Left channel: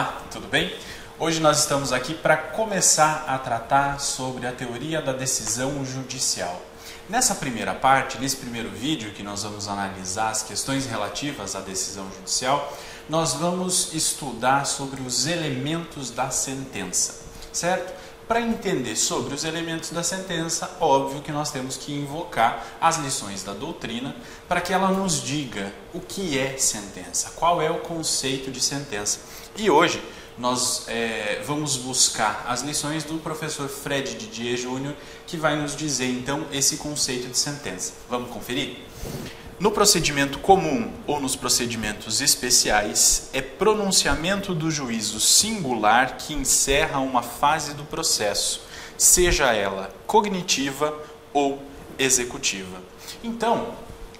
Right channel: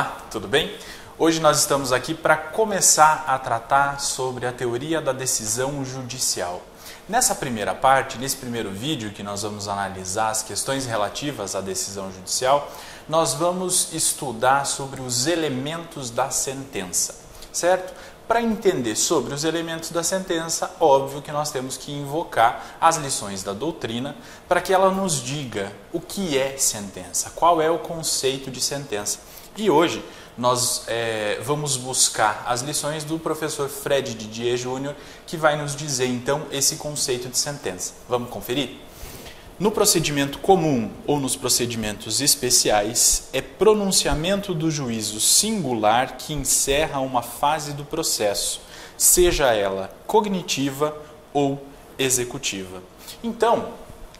Olá, tudo bem? Hoje nós estamos aqui para começar a tratar sobre a teoria da decisão judicial. Nessa primeira parte, nesse primeiro vídeo que nós vamos analisar as questões relativas à decisão judicial, nós vamos estudar sobre os elementos da sentença, certo? Para entender sobre os elementos da sentença, óbvio que nós temos que invocar as lições da doutrina para que ela nos diga o que é sentença, qual é o conceito de sentença. E hoje nós vamos buscar as lições do professor Fred Didier Júnior, que vai nos dizer então esse conceito de sentença. Vamos conferir? No procedimento comum ou nos procedimentos especiais, é pronunciamento do juízo singular que encerra uma fase do processo, seja ela cognitiva ou executiva. Então,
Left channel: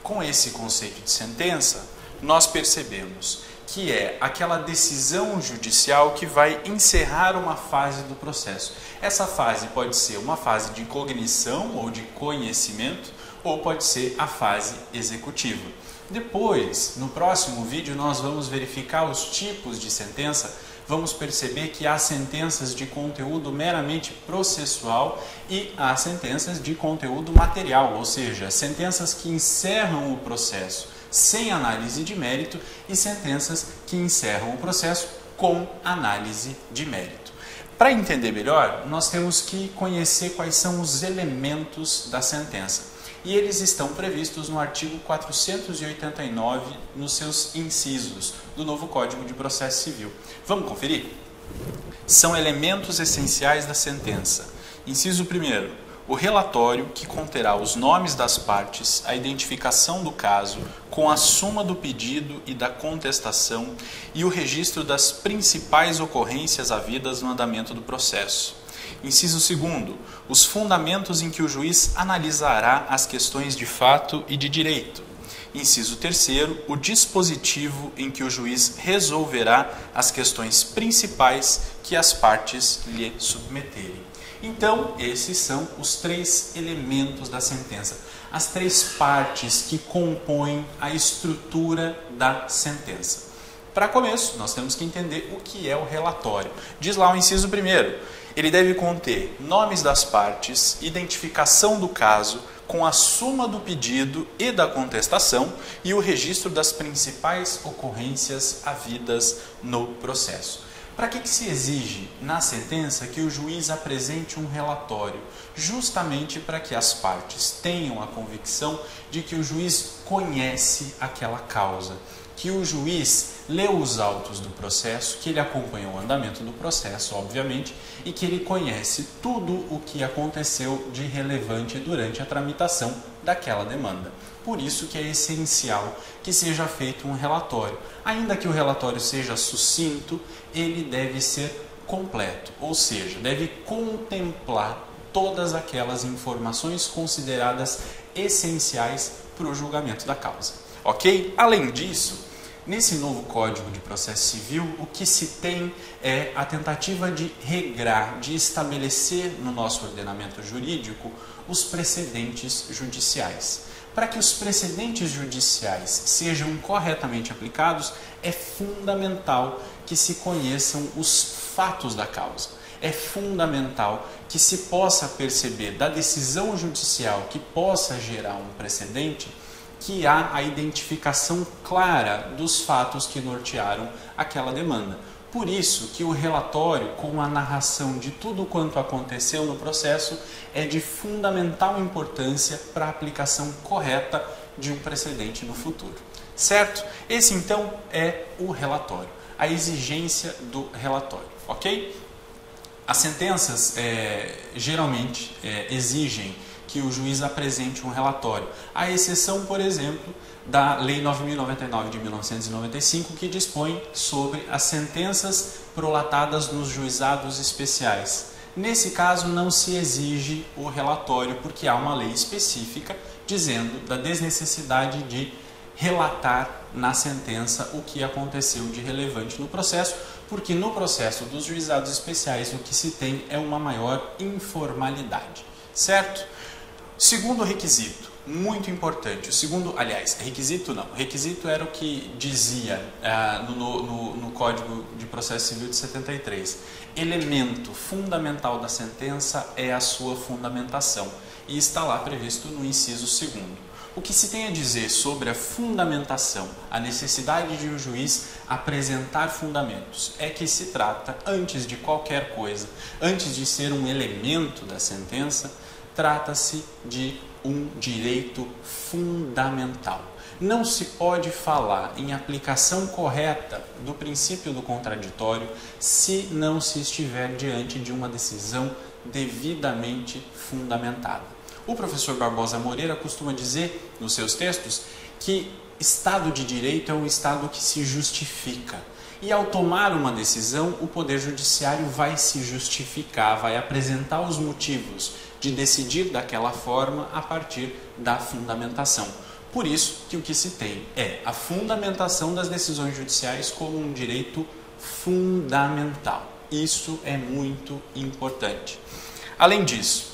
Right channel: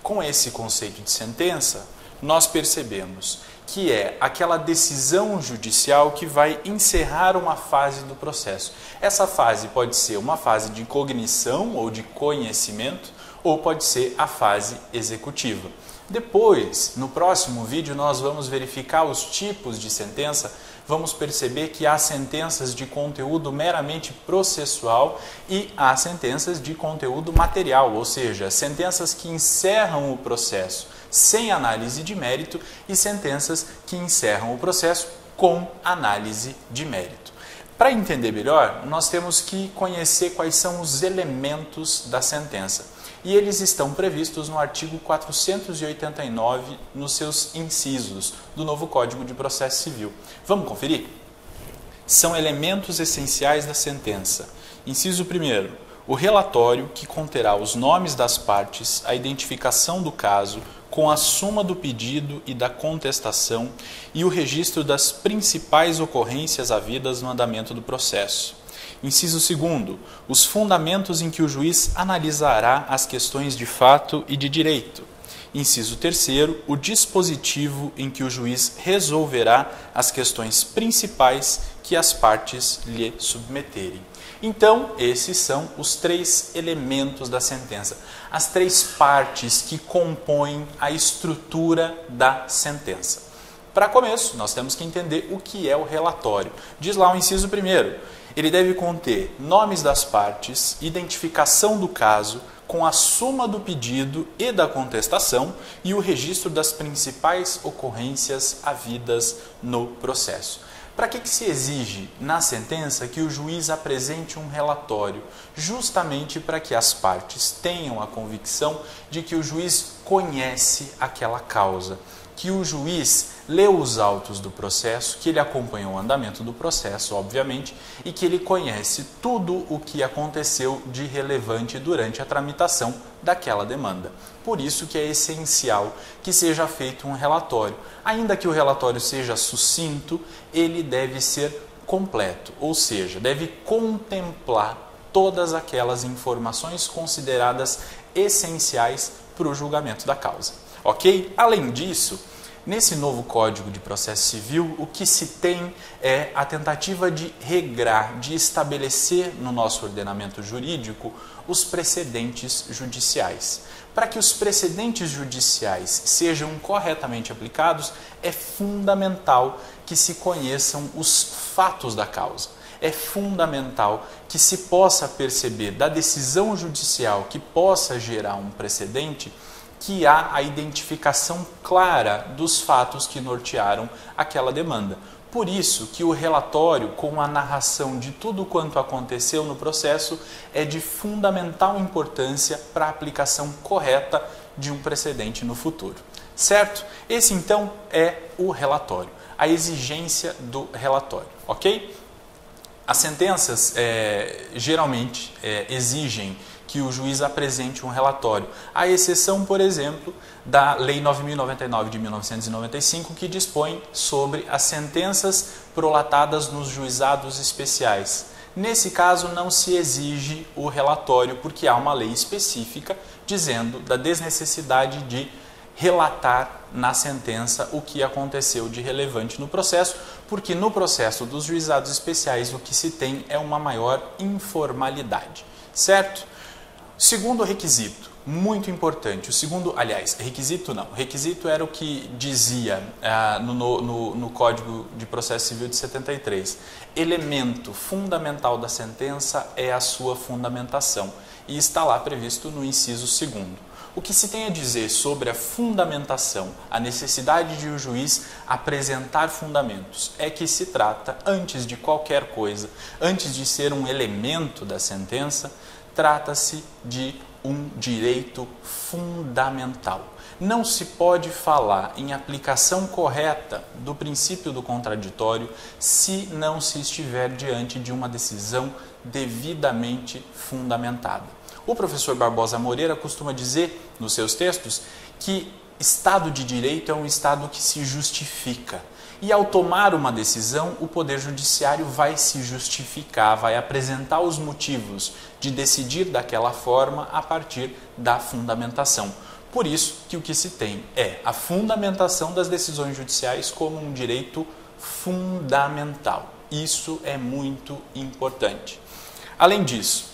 com esse conceito de sentença, nós percebemos que é aquela decisão judicial que vai encerrar uma fase do processo. Essa fase pode ser uma fase de cognição ou de conhecimento, ou pode ser a fase executiva. Depois, no próximo vídeo, nós vamos verificar os tipos de sentença. Vamos perceber que há sentenças de conteúdo meramente processual e há sentenças de conteúdo material, ou seja, sentenças que encerram o processo sem análise de mérito e sentenças que encerram o processo com análise de mérito. Para entender melhor, nós temos que conhecer quais são os elementos da sentença. E eles estão previstos no artigo 489, nos seus incisos do novo Código de Processo Civil. Vamos conferir? São elementos essenciais da sentença. Inciso 1º, o relatório que conterá os nomes das partes, a identificação do caso, com a suma do pedido e da contestação e o registro das principais ocorrências havidas no andamento do processo. Inciso 2º, os fundamentos em que o juiz analisará as questões de fato e de direito. Inciso 3º, o dispositivo em que o juiz resolverá as questões principais que as partes lhe submeterem. Então, esses são os 3 elementos da sentença, as 3 partes que compõem a estrutura da sentença. Para começo, nós temos que entender o que é o relatório. Diz lá o inciso 1º, ele deve conter nomes das partes, identificação do caso, com a suma do pedido e da contestação e o registro das principais ocorrências havidas no processo. Para que se exige na sentença que o juiz apresente um relatório? Justamente para que as partes tenham a convicção de que o juiz conhece aquela causa, que o juiz leu os autos do processo, que ele acompanhou o andamento do processo, obviamente, e que ele conhece tudo o que aconteceu de relevante durante a tramitação daquela demanda. Por isso que é essencial que seja feito um relatório. Ainda que o relatório seja sucinto, ele deve ser completo, ou seja, deve contemplar todas aquelas informações consideradas essenciais para o julgamento da causa. Ok? Além disso, nesse novo Código de Processo Civil, o que se tem é a tentativa de regrar, de estabelecer no nosso ordenamento jurídico os precedentes judiciais. Para que os precedentes judiciais sejam corretamente aplicados, é fundamental que se conheçam os fatos da causa. É fundamental que se possa perceber da decisão judicial que possa gerar um precedente, que há a identificação clara dos fatos que nortearam aquela demanda. Por isso que o relatório, com a narração de tudo quanto aconteceu no processo, é de fundamental importância para a aplicação correta de um precedente no futuro. Certo? Esse então é o relatório, a exigência do relatório, ok? As sentenças geralmente exigem que o juiz apresente um relatório, à exceção, por exemplo, da Lei 9.099 de 1995, que dispõe sobre as sentenças prolatadas nos juizados especiais. Nesse caso, não se exige o relatório, porque há uma lei específica dizendo da desnecessidade de relatar na sentença o que aconteceu de relevante no processo, porque no processo dos juizados especiais o que se tem é uma maior informalidade, certo? Segundo requisito, muito importante. O segundo, aliás, requisito não. Requisito era o que dizia no Código de Processo Civil de 73. Elemento fundamental da sentença é a sua fundamentação. E está lá previsto no inciso 2º. O que se tem a dizer sobre a fundamentação, a necessidade de o juiz apresentar fundamentos, é que se trata, antes de qualquer coisa, antes de ser um elemento da sentença, trata-se de um direito fundamental. Não se pode falar em aplicação correta do princípio do contraditório se não se estiver diante de uma decisão devidamente fundamentada. O professor Barbosa Moreira costuma dizer nos seus textos que Estado de Direito é um Estado que se justifica. E ao tomar uma decisão, o Poder Judiciário vai se justificar, vai apresentar os motivos de decidir daquela forma a partir da fundamentação. Por isso que o que se tem é a fundamentação das decisões judiciais como um direito fundamental. Isso é muito importante. Além disso,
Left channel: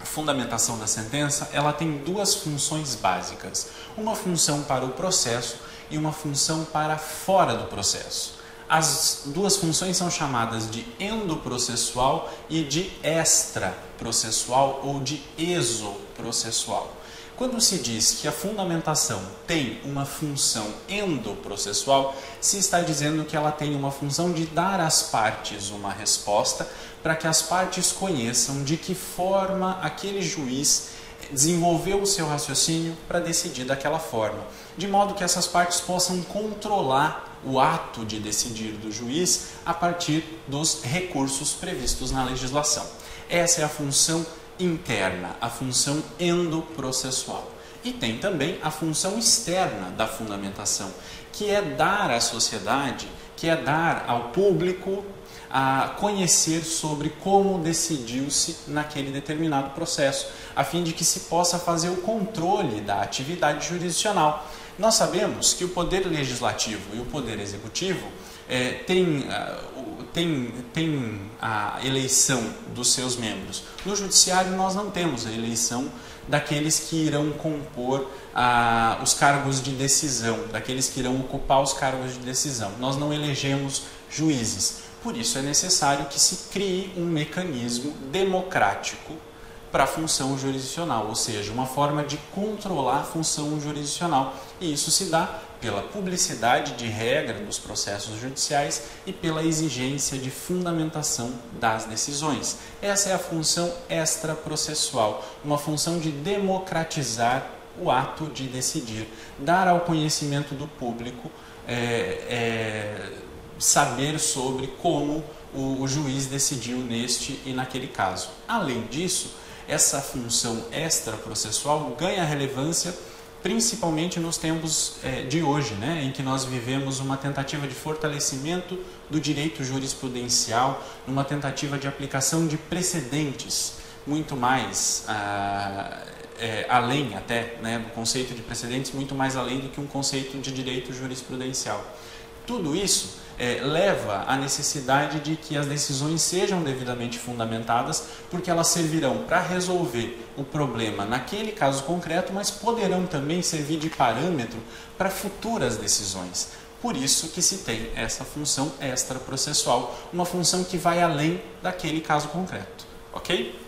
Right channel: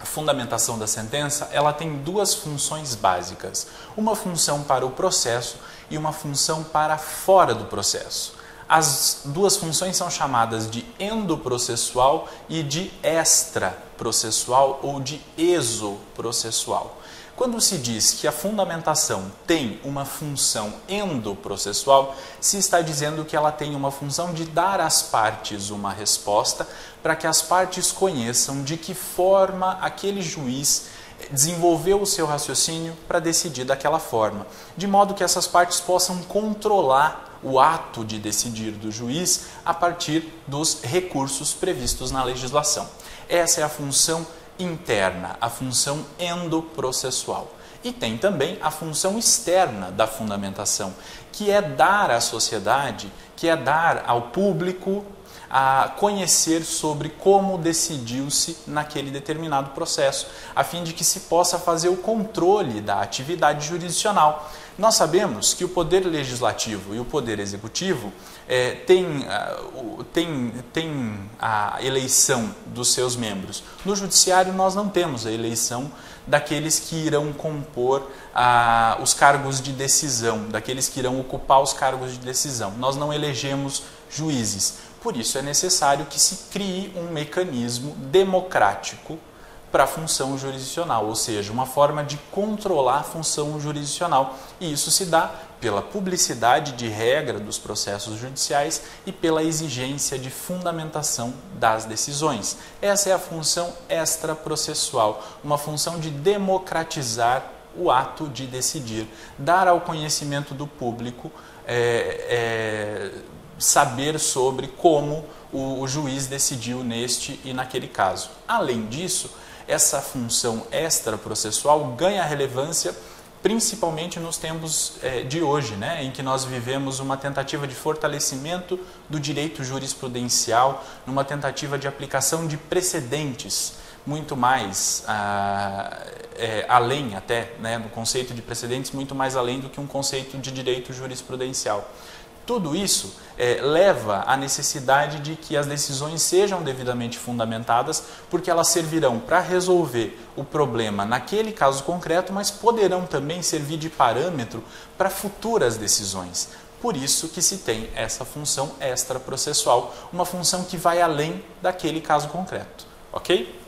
a fundamentação da sentença, ela tem duas funções básicas. Uma função para o processo e uma função para fora do processo. As duas funções são chamadas de endoprocessual e de extraprocessual ou de exoprocessual. Quando se diz que a fundamentação tem uma função endoprocessual, se está dizendo que ela tem uma função de dar às partes uma resposta para que as partes conheçam de que forma aquele juiz desenvolveu o seu raciocínio para decidir daquela forma, de modo que essas partes possam controlar o ato de decidir do juiz a partir dos recursos previstos na legislação. Essa é a função interna, a função endoprocessual. E tem também a função externa da fundamentação, que é dar à sociedade, que é dar ao público a conhecer sobre como decidiu-se naquele determinado processo, a fim de que se possa fazer o controle da atividade jurisdicional. Nós sabemos que o Poder Legislativo e o Poder Executivo têm a eleição dos seus membros. No Judiciário nós não temos a eleição daqueles que irão compor os cargos de decisão, daqueles que irão ocupar os cargos de decisão. Nós não elegemos juízes. Por isso é necessário que se crie um mecanismo democrático para a função jurisdicional, ou seja, uma forma de controlar a função jurisdicional. E isso se dá pela publicidade de regra dos processos judiciais e pela exigência de fundamentação das decisões. Essa é a função extraprocessual, uma função de democratizar o ato de decidir, dar ao conhecimento do público saber sobre como o juiz decidiu neste e naquele caso. Além disso, essa função extraprocessual ganha relevância principalmente nos tempos de hoje, né, em que nós vivemos uma tentativa de fortalecimento do direito jurisprudencial, numa tentativa de aplicação de precedentes, muito mais além até, né, no conceito de precedentes, muito mais além do que um conceito de direito jurisprudencial. Tudo isso leva à necessidade de que as decisões sejam devidamente fundamentadas, porque elas servirão para resolver o problema naquele caso concreto, mas poderão também servir de parâmetro para futuras decisões. Por isso que se tem essa função extraprocessual, uma função que vai além daquele caso concreto, ok?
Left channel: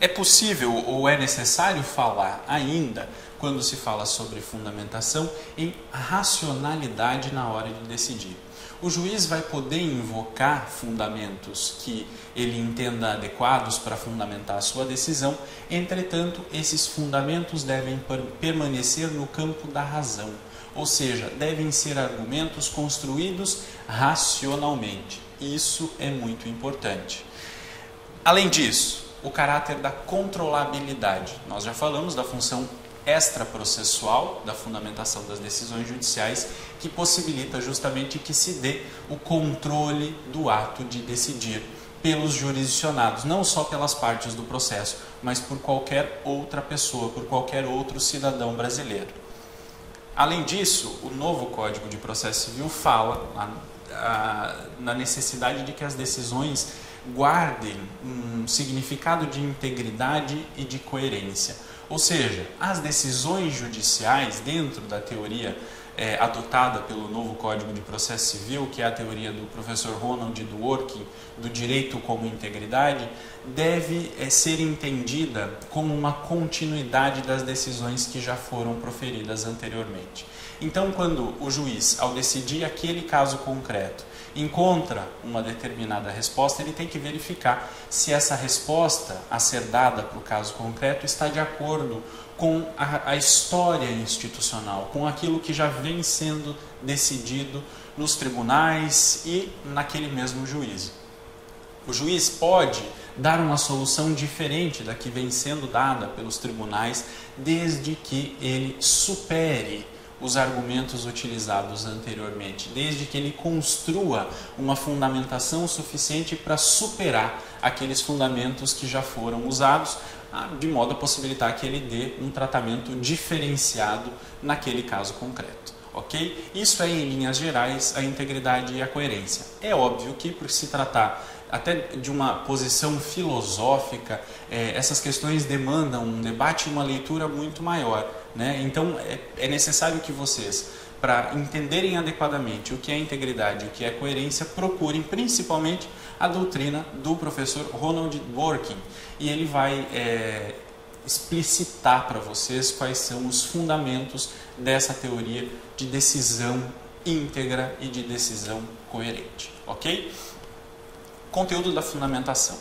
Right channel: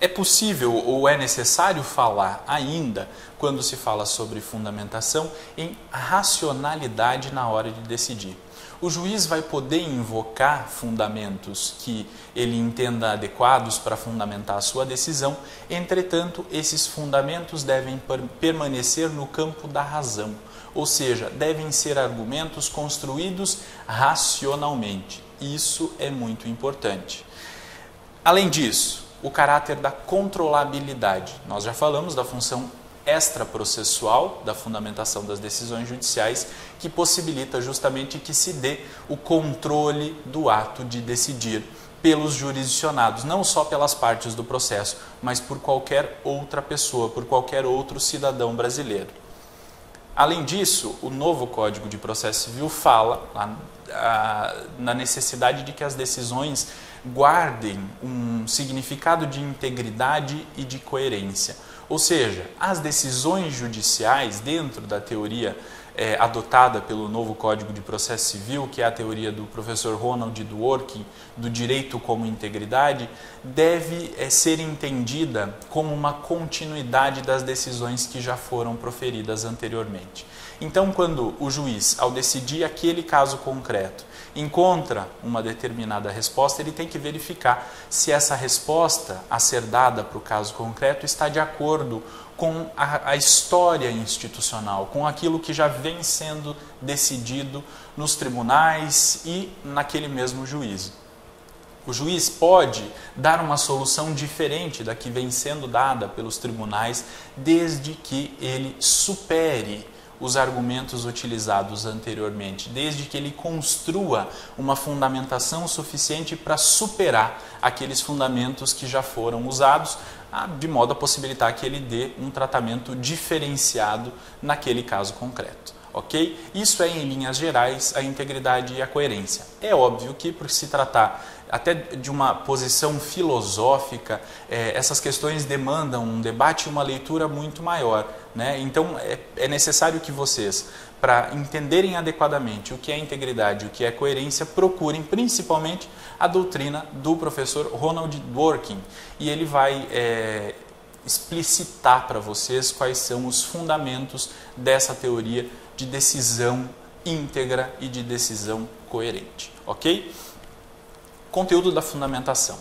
É possível ou é necessário falar ainda, quando se fala sobre fundamentação, em racionalidade na hora de decidir. O juiz vai poder invocar fundamentos que ele entenda adequados para fundamentar a sua decisão, entretanto, esses fundamentos devem permanecer no campo da razão, ou seja, devem ser argumentos construídos racionalmente. Isso é muito importante. Além disso, o caráter da controlabilidade. Nós já falamos da função extraprocessual da fundamentação das decisões judiciais, que possibilita justamente que se dê o controle do ato de decidir pelos jurisdicionados, não só pelas partes do processo, mas por qualquer outra pessoa, por qualquer outro cidadão brasileiro. Além disso, o novo Código de Processo Civil fala na necessidade de que as decisões guardem um significado de integridade e de coerência. Ou seja, as decisões judiciais dentro da teoria adotada pelo novo Código de Processo Civil, que é a teoria do professor Ronald Dworkin, do direito como integridade, deve ser entendida como uma continuidade das decisões que já foram proferidas anteriormente. Então, quando o juiz, ao decidir aquele caso concreto, encontra uma determinada resposta, ele tem que verificar se essa resposta a ser dada para o caso concreto está de acordo com a história institucional, com aquilo que já vem sendo decidido nos tribunais e naquele mesmo juízo. O juiz pode dar uma solução diferente da que vem sendo dada pelos tribunais, desde que ele supere os argumentos utilizados anteriormente, desde que ele construa uma fundamentação suficiente para superar aqueles fundamentos que já foram usados, de modo a possibilitar que ele dê um tratamento diferenciado naquele caso concreto. Ok? Isso é, em linhas gerais, a integridade e a coerência. É óbvio que, por se tratar até de uma posição filosófica, essas questões demandam um debate e uma leitura muito maior, né? Então, é necessário que vocês, para entenderem adequadamente o que é integridade e o que é coerência, procurem principalmente a doutrina do professor Ronald Dworkin, e ele vai explicitar para vocês quais são os fundamentos dessa teoria de decisão íntegra e de decisão coerente, ok? Conteúdo da fundamentação.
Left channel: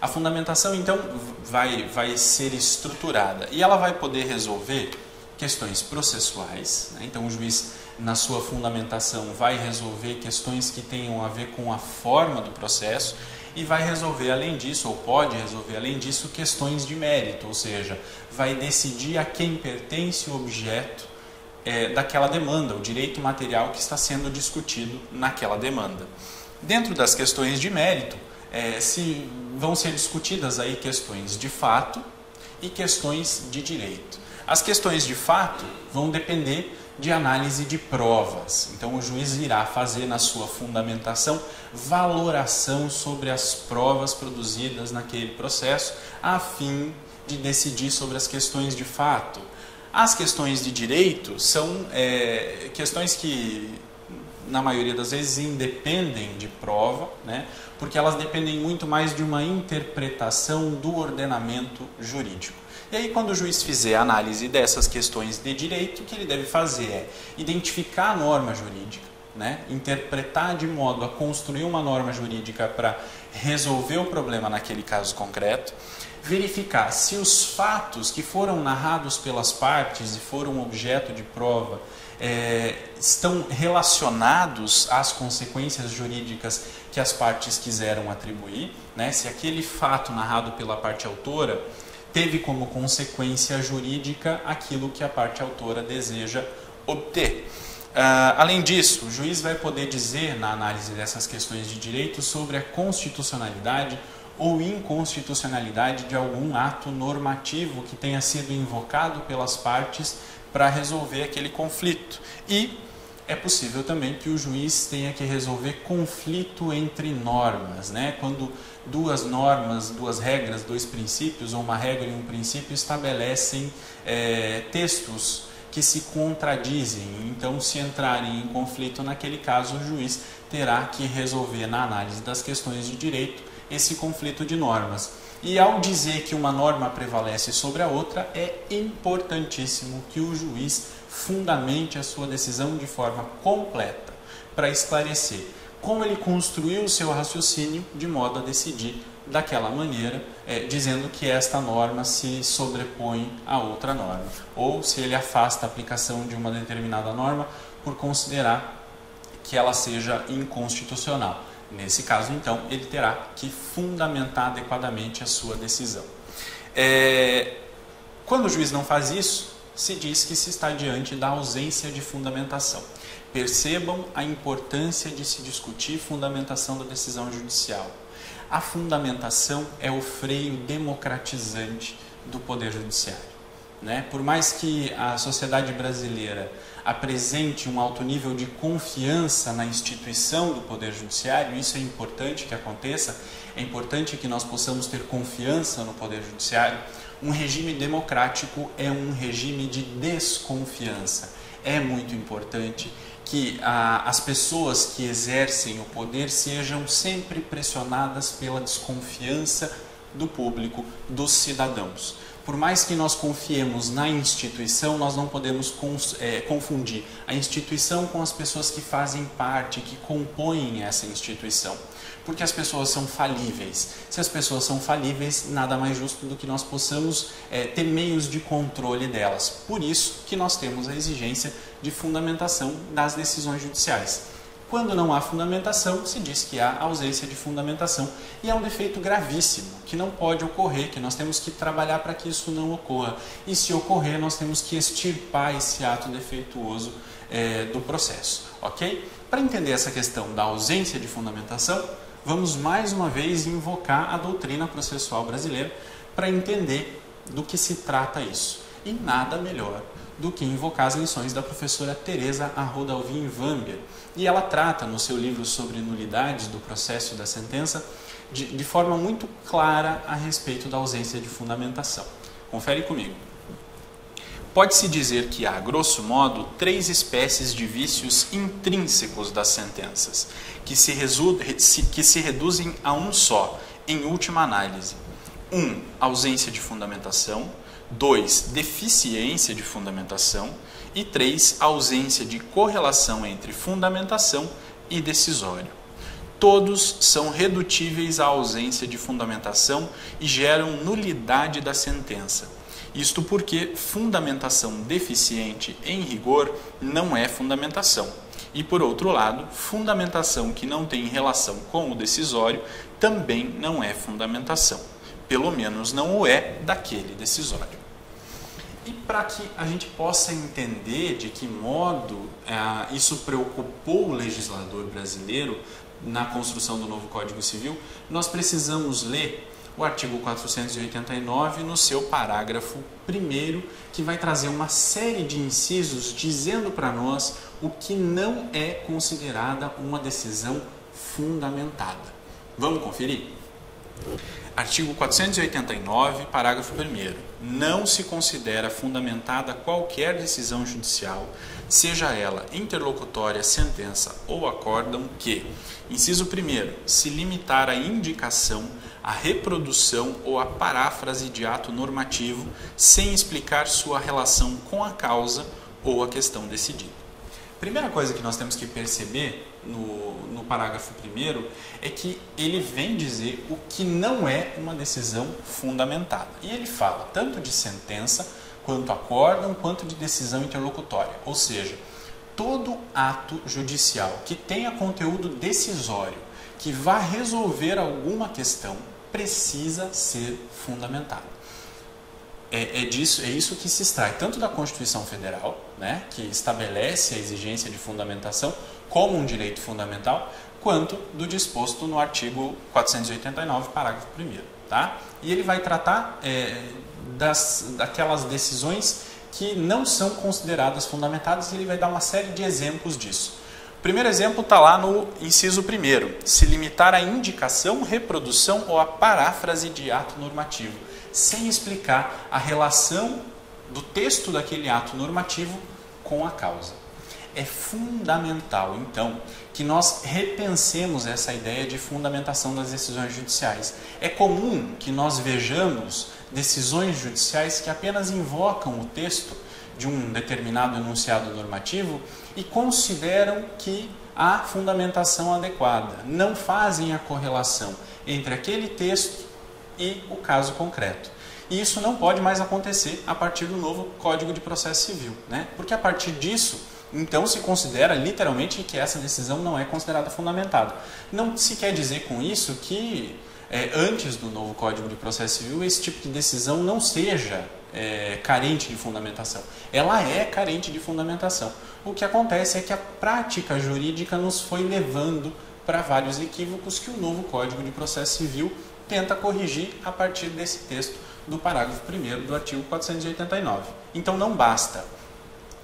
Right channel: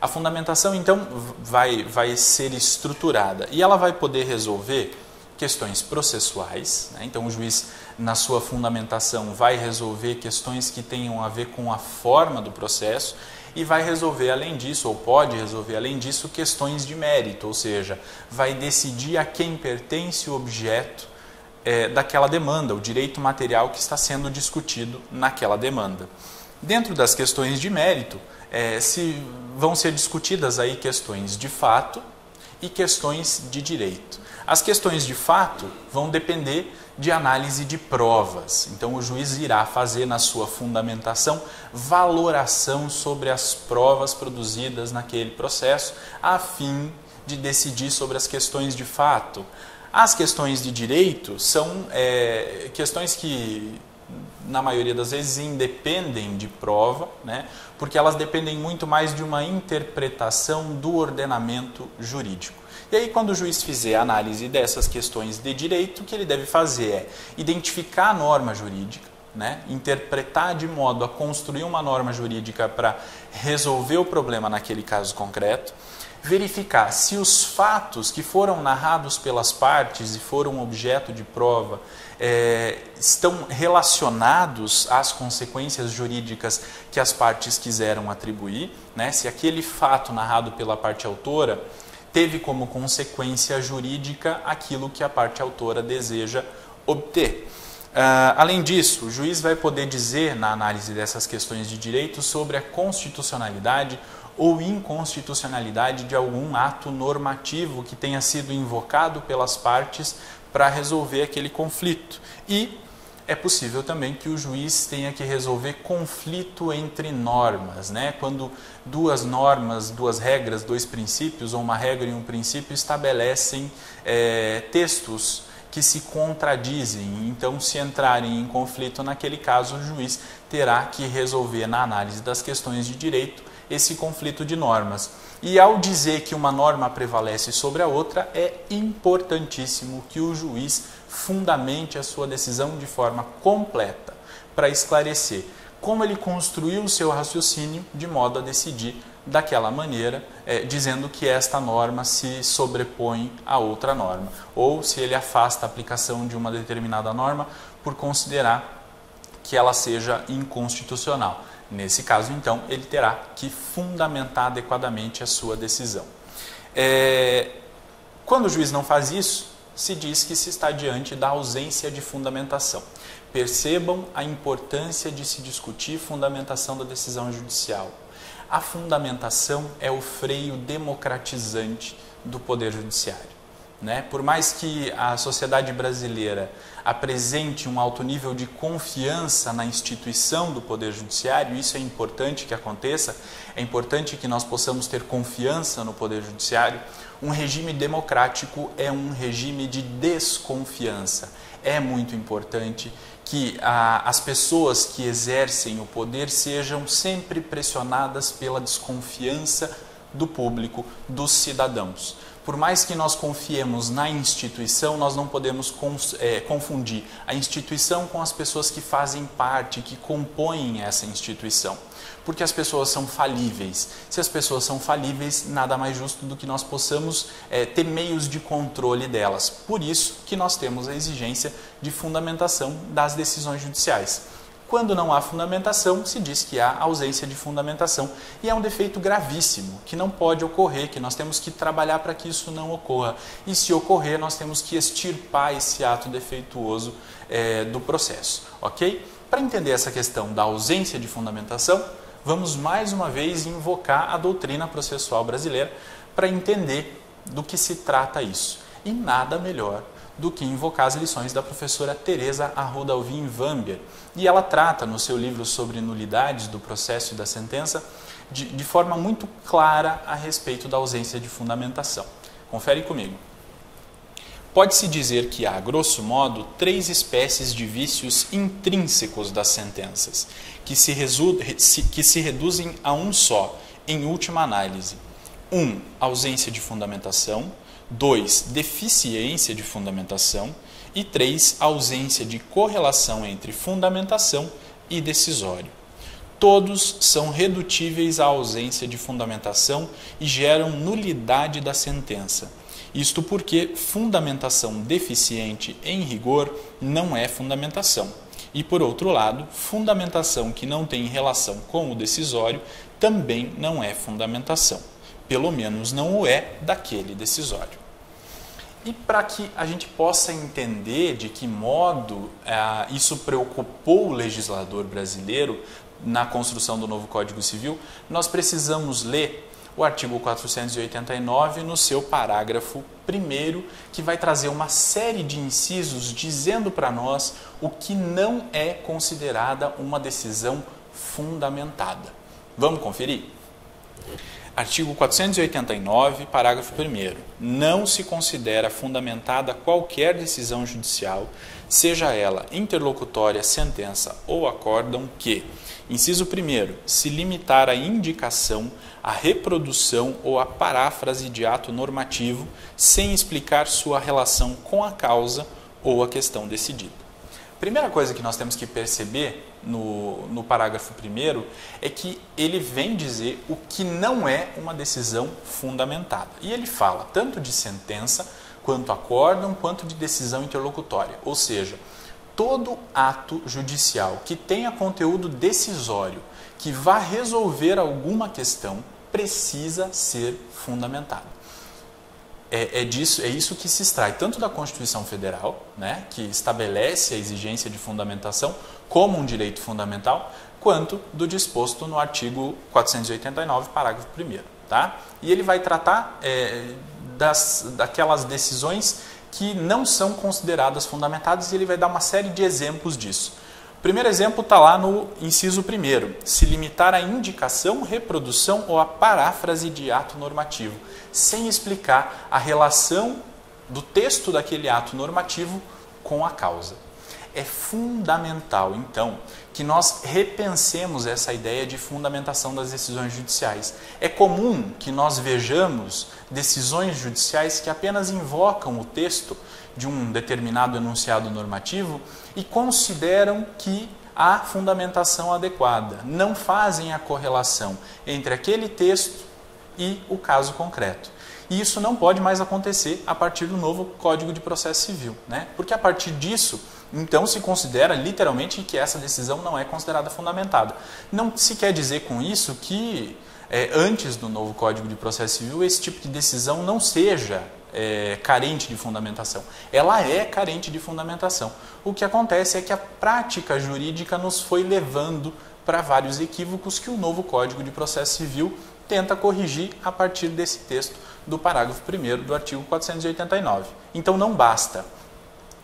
A fundamentação, então, vai ser estruturada e ela vai poder resolver questões processuais, né? Então, o juiz, na sua fundamentação, vai resolver questões que tenham a ver com a forma do processo e vai resolver, além disso, ou pode resolver, além disso, questões de mérito, ou seja, vai decidir a quem pertence o objeto daquela demanda, o direito material que está sendo discutido naquela demanda. Dentro das questões de mérito, vão ser discutidas aí questões de fato e questões de direito. As questões de fato vão depender de análise de provas. Então, o juiz irá fazer na sua fundamentação valoração sobre as provas produzidas naquele processo, a fim de decidir sobre as questões de fato. As questões de direito são questões que, na maioria das vezes, independem de prova, né? Porque elas dependem muito mais de uma interpretação do ordenamento jurídico. E aí, quando o juiz fizer a análise dessas questões de direito, o que ele deve fazer é identificar a norma jurídica, né? Interpretar de modo a construir uma norma jurídica para resolver o problema naquele caso concreto, verificar se os fatos que foram narrados pelas partes e foram objeto de prova estão relacionados às consequências jurídicas que as partes quiseram atribuir, né? Se aquele fato narrado pela parte autora teve como consequência jurídica aquilo que a parte autora deseja obter. Além disso, o juiz vai poder dizer, na análise dessas questões de direito, sobre a constitucionalidade ou inconstitucionalidade de algum ato normativo que tenha sido invocado pelas partes para resolver aquele conflito. E é possível também que o juiz tenha que resolver conflito entre normas, né? Quando duas normas, duas regras, dois princípios, ou uma regra e um princípio estabelecem textos que se contradizem. Então, se entrarem em conflito naquele caso, o juiz terá que resolver, na análise das questões de direito, esse conflito de normas. E ao dizer que uma norma prevalece sobre a outra, é importantíssimo que o juiz fundamente a sua decisão de forma completa, para esclarecer como ele construiu o seu raciocínio de modo a decidir daquela maneira, dizendo que esta norma se sobrepõe a outra norma, ou se ele afasta a aplicação de uma determinada norma por considerar que ela seja inconstitucional. Nesse caso, então, ele terá que fundamentar adequadamente a sua decisão. Quando o juiz não faz isso, se diz que se está diante da ausência de fundamentação. Percebam a importância de se discutir fundamentação da decisão judicial. A fundamentação é o freio democratizante do Poder Judiciário. né? Por mais que a sociedade brasileira apresente um alto nível de confiança na instituição do Poder Judiciário, isso é importante que aconteça, é importante que nós possamos ter confiança no Poder Judiciário. Um regime democrático é um regime de desconfiança. É muito importante que as pessoas que exercem o poder sejam sempre pressionadas pela desconfiança do público, dos cidadãos. Por mais que nós confiemos na instituição, nós não podemos confundir a instituição com as pessoas que fazem parte, que compõem essa instituição. Porque as pessoas são falíveis. Se as pessoas são falíveis, nada mais justo do que nós possamos ter meios de controle delas. Por isso que nós temos a exigência de fundamentação das decisões judiciais. Quando não há fundamentação, se diz que há ausência de fundamentação. E é um defeito gravíssimo, que não pode ocorrer, que nós temos que trabalhar para que isso não ocorra. E se ocorrer, nós temos que extirpar esse ato defeituoso do processo. Ok? Para entender essa questão da ausência de fundamentação, vamos mais uma vez invocar a doutrina processual brasileira para entender do que se trata isso. E nada melhor do que invocar as lições da professora Teresa Arruda Alvim Wambier. E ela trata no seu livro sobre nulidades do processo e da sentença de forma muito clara a respeito da ausência de fundamentação. Confere comigo. Pode-se dizer que há, grosso modo, 3 espécies de vícios intrínsecos das sentenças, que se reduzem a um só, em última análise. 1. Ausência de fundamentação. 2. Deficiência de fundamentação. E 3. Ausência de correlação entre fundamentação e decisório. Todos são redutíveis à ausência de fundamentação e geram nulidade da sentença. Isto porque fundamentação deficiente, em rigor, não é fundamentação. E, por outro lado, fundamentação que não tem relação com o decisório também não é fundamentação. Pelo menos não o é daquele decisório. E para que a gente possa entender de que modo isso preocupou o legislador brasileiro na construção do novo Código Civil, nós precisamos ler o artigo 489 no seu parágrafo 1º, que vai trazer uma série de incisos dizendo para nós o que não é considerada uma decisão fundamentada. Vamos conferir? Artigo 489, parágrafo 1º. Não se considera fundamentada qualquer decisão judicial, seja ela interlocutória, sentença ou acórdão que, inciso 1º, se limitar à indicação, à reprodução ou à paráfrase de ato normativo, sem explicar sua relação com a causa ou a questão decidida. Primeira coisa que nós temos que perceber no parágrafo 1º é que ele vem dizer o que não é uma decisão fundamentada. E ele fala tanto de sentença, quanto acórdão, quanto de decisão interlocutória. Ou seja, todo ato judicial que tenha conteúdo decisório, que vá resolver alguma questão, precisa ser fundamentado. É isso que se extrai tanto da Constituição Federal, né, que estabelece a exigência de fundamentação como um direito fundamental, quanto do disposto no artigo 489, parágrafo 1º. Tá? E ele vai tratar daquelas decisões que não são consideradas fundamentadas e ele vai dar uma série de exemplos disso. O primeiro exemplo está lá no inciso 1º, se limitar à indicação, reprodução ou à paráfrase de ato normativo, sem explicar a relação do texto daquele ato normativo com a causa. É fundamental, então, que nós repensemos essa ideia de fundamentação das decisões judiciais. É comum que nós vejamos decisões judiciais que apenas invocam o texto de um determinado enunciado normativo e consideram que há fundamentação adequada. Não fazem a correlação entre aquele texto e o caso concreto. E isso não pode mais acontecer a partir do novo Código de Processo Civil, né? Porque a partir disso, então se considera literalmente que essa decisão não é considerada fundamentada. Não se quer dizer com isso que antes do novo Código de Processo Civil esse tipo de decisão não seja carente de fundamentação. Ela é carente de fundamentação. O que acontece é que a prática jurídica nos foi levando para vários equívocos que o novo Código de Processo Civil tenta corrigir a partir desse texto do parágrafo 1º do artigo 489. Então não basta